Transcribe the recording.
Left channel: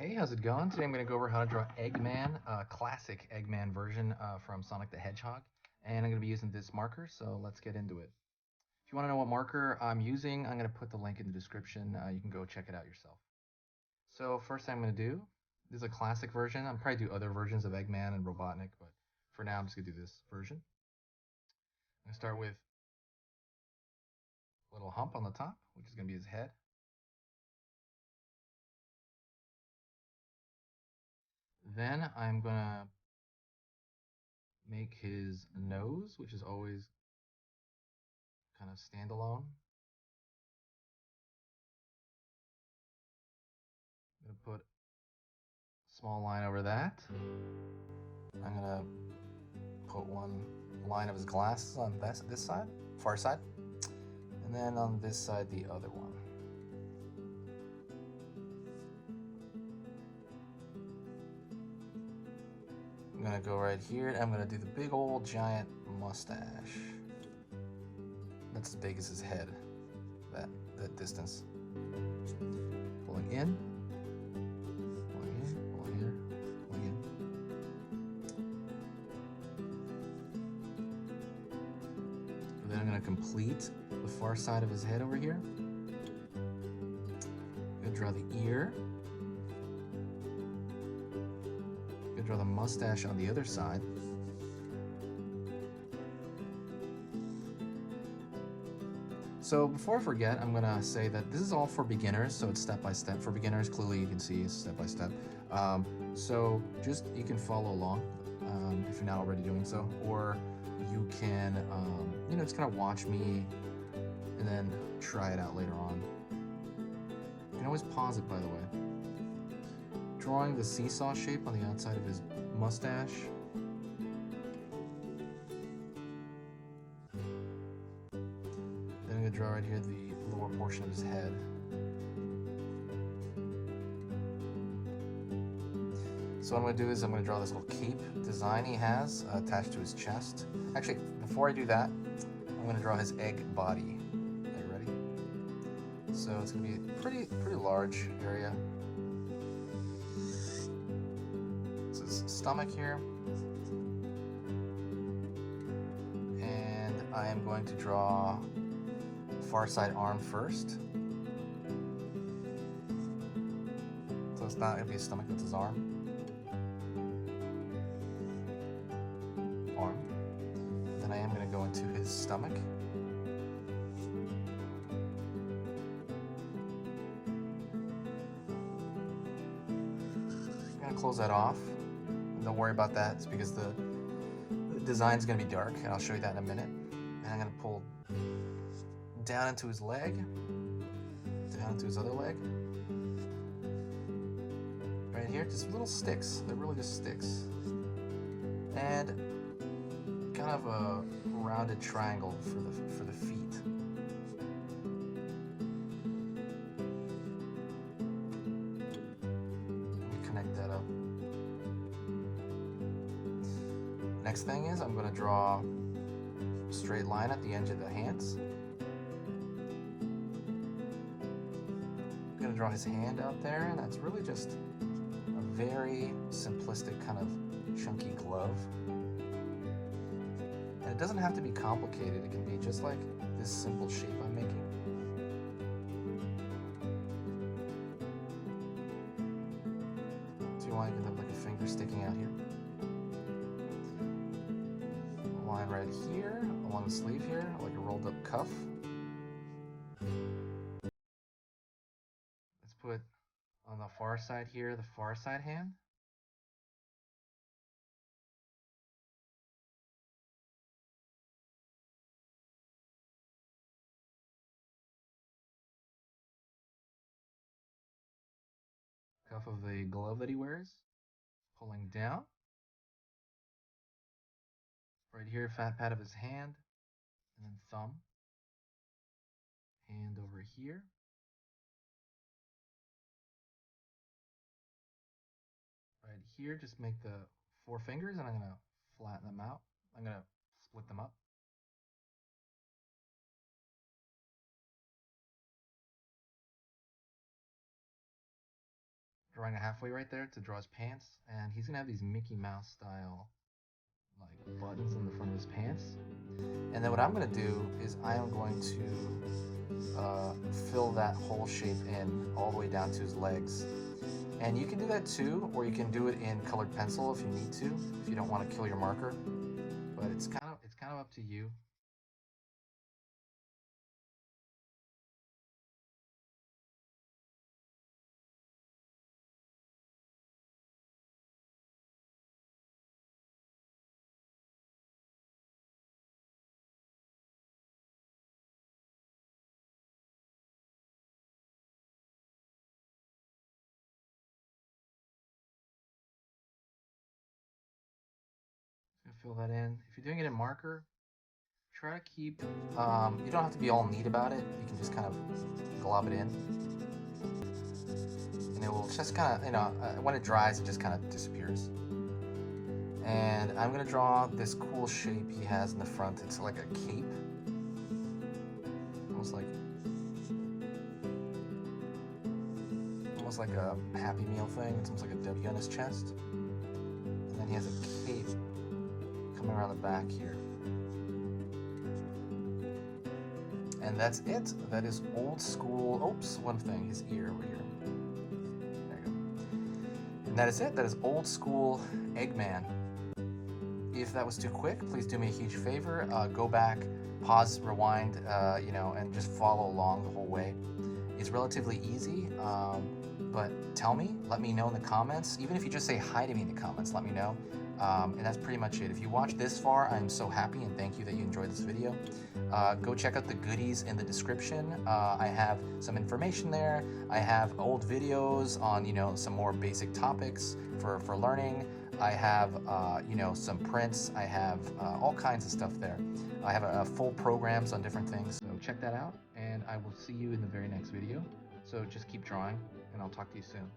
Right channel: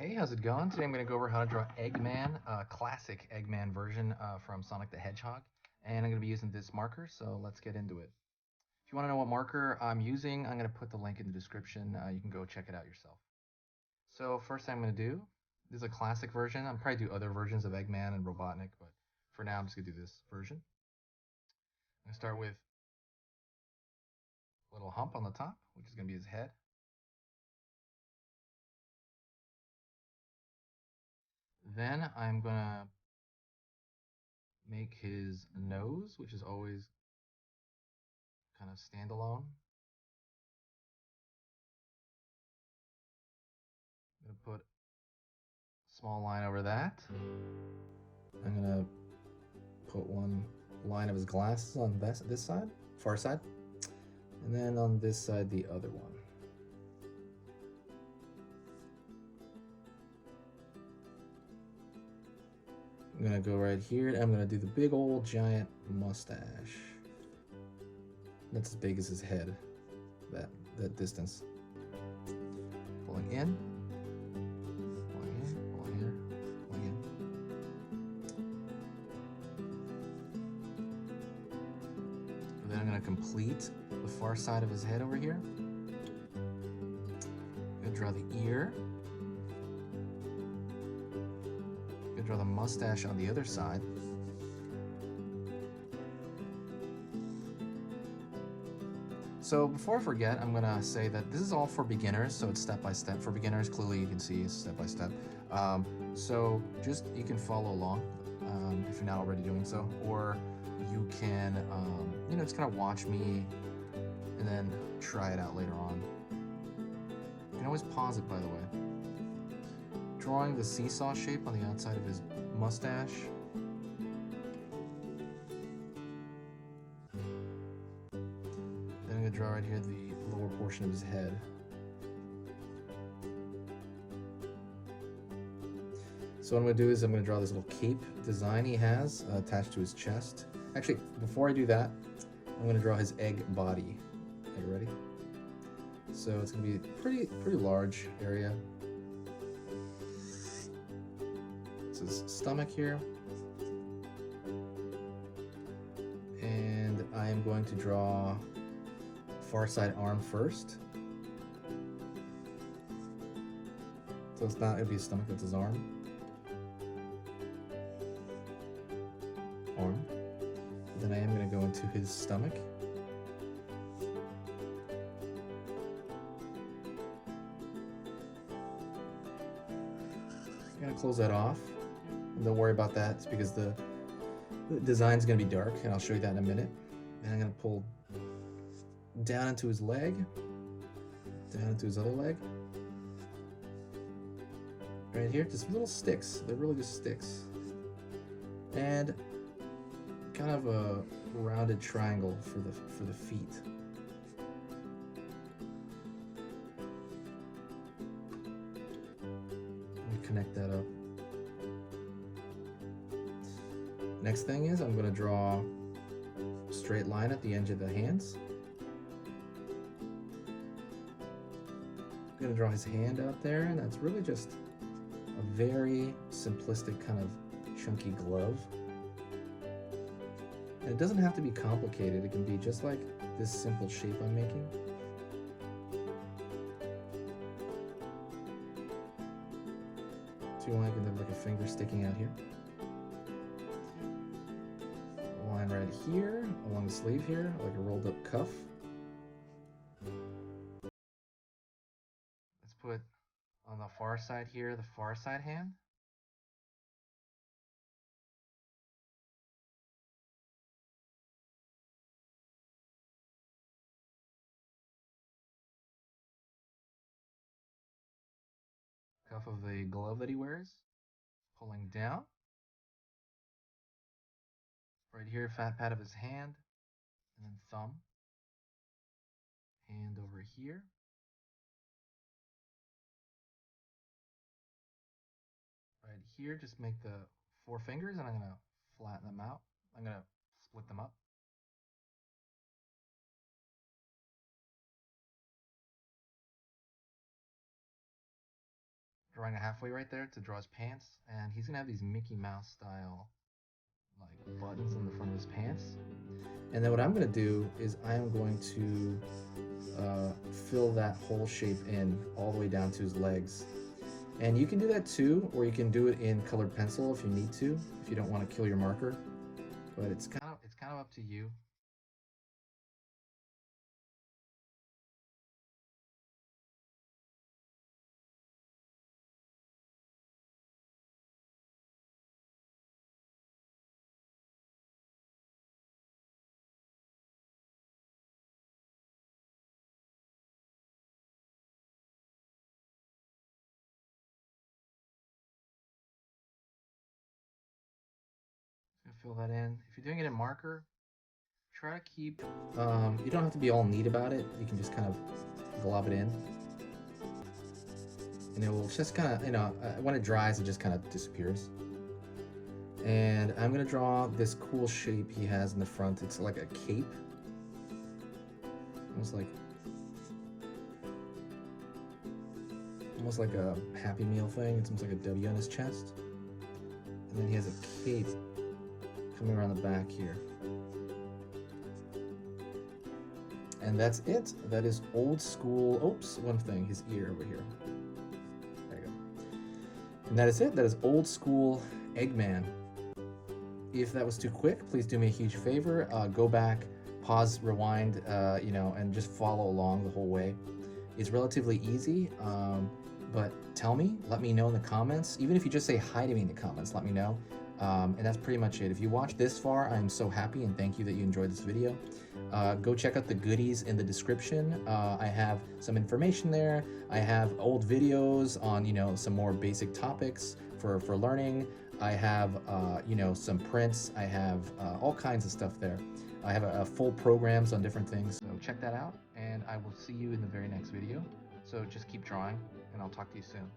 Hey, how's it going? Today I'm going to go over how to draw Eggman, classic Eggman version from Sonic the Hedgehog. And I'm going to be using this marker, so let's get into it. If you want to know what marker I'm using, I'm going to put the link in the description. You can go check it out yourself. So first thing I'm going to do, this is a classic version. I'll probably do other versions of Eggman and Robotnik, but for now I'm just going to do this version. I'm going to start with a little hump on the top, which is going to be his head. Then I'm going to make his nose, which is always kind of standalone. I'm going to put a small line over that. I'm going to put one line of his glasses on this side, far side, and then on this side, the other one. I'm going to go right here, and I'm going to do the big old giant mustache. That's as big as his head, that distance. Pulling in, pulling in, pulling here, pulling in. And then I'm going to complete the far side of his head over here. I'm going to draw the ear. I'm going to draw the mustache on the other side. So before I forget, I'm going to say that this is all for beginners, so it's step by step. For beginners, clearly you can see it's step by step. So just you can follow along if you're not already doing so, or you can just kind of watch me and then try it out later on. You can always pause it, by the way. Drawing the seesaw shape on the outside of his mustache. Then I'm going to draw right here the lower portion of his head. So what I'm going to do is I'm going to draw this little cape design he has attached to his chest. Actually, before I do that, I'm going to draw his egg body. Okay, ready? So it's going to be a pretty large area. It's his stomach here. And I am going to draw far side arm first. So it's not going to be his stomach, it's his arm. Then I am going to go into his stomach. I'm going to close that off. And don't worry about that, it's because the design's going to be dark, and I'll show you that in a minute. And I'm going to pull down into his leg, down into his other leg. Right here, just little sticks. They're really just sticks. And kind of a rounded triangle for the feet. Let me connect that up. Next thing is I'm going to draw a straight line at the edge of the hands. I'm going to draw his hand out there, and that's really just a very simplistic kind of chunky glove. And it doesn't have to be complicated, it can be just like this simple shape I'm making. So you want to have like a finger sticking out here. A line right here, along the sleeve here, like a rolled up cuff. Let's put on the far side here, the far side hand. Cuff of the glove that he wears, pulling down. Right here, fat pad of his hand, and then thumb. Hand over here. Right here, just make the 4 fingers, and I'm going to flatten them out. I'm going to split them up. drawing a halfway right there to draw his pants, and he's gonna have these Mickey Mouse style like buttons on the front of his pants. And then what I'm gonna do is I am going to fill that whole shape in all the way down to his legs. And you can do that too, or you can do it in colored pencil if you need to, if you don't want to kill your marker. But it's kind of up to you. Just gonna fill that in. If you're doing it in marker, try to keep. You don't have to be all neat about it. You can just kind of glob it in, and it will just kind of, when it dries, it just kind of disappears. And I'm gonna draw this cool shape he has in the front. It's like a cape, almost like a Happy Meal thing. It's almost like a W on his chest, and then he has a cape coming around the back here. And that's it. That is old school. Oops, one thing, his ear over here. There you go. And that is it. That is old school Eggman. If that was too quick, please do me a huge favor. Go back, pause, rewind, and just follow along the whole way. It's relatively easy, but tell me, let me know in the comments. Even if you just say hi to me in the comments, let me know. And that's pretty much it. If you watched this far, I'm so happy and thank you that you enjoyed this video. Go check out the goodies in the description. I have some information there. I have old videos on, some more basic topics for learning. I have, some prints. I have all kinds of stuff there. I have full programs on different things. So check that out, and I will see you in the very next video. So just keep drawing, and I'll talk to you soon.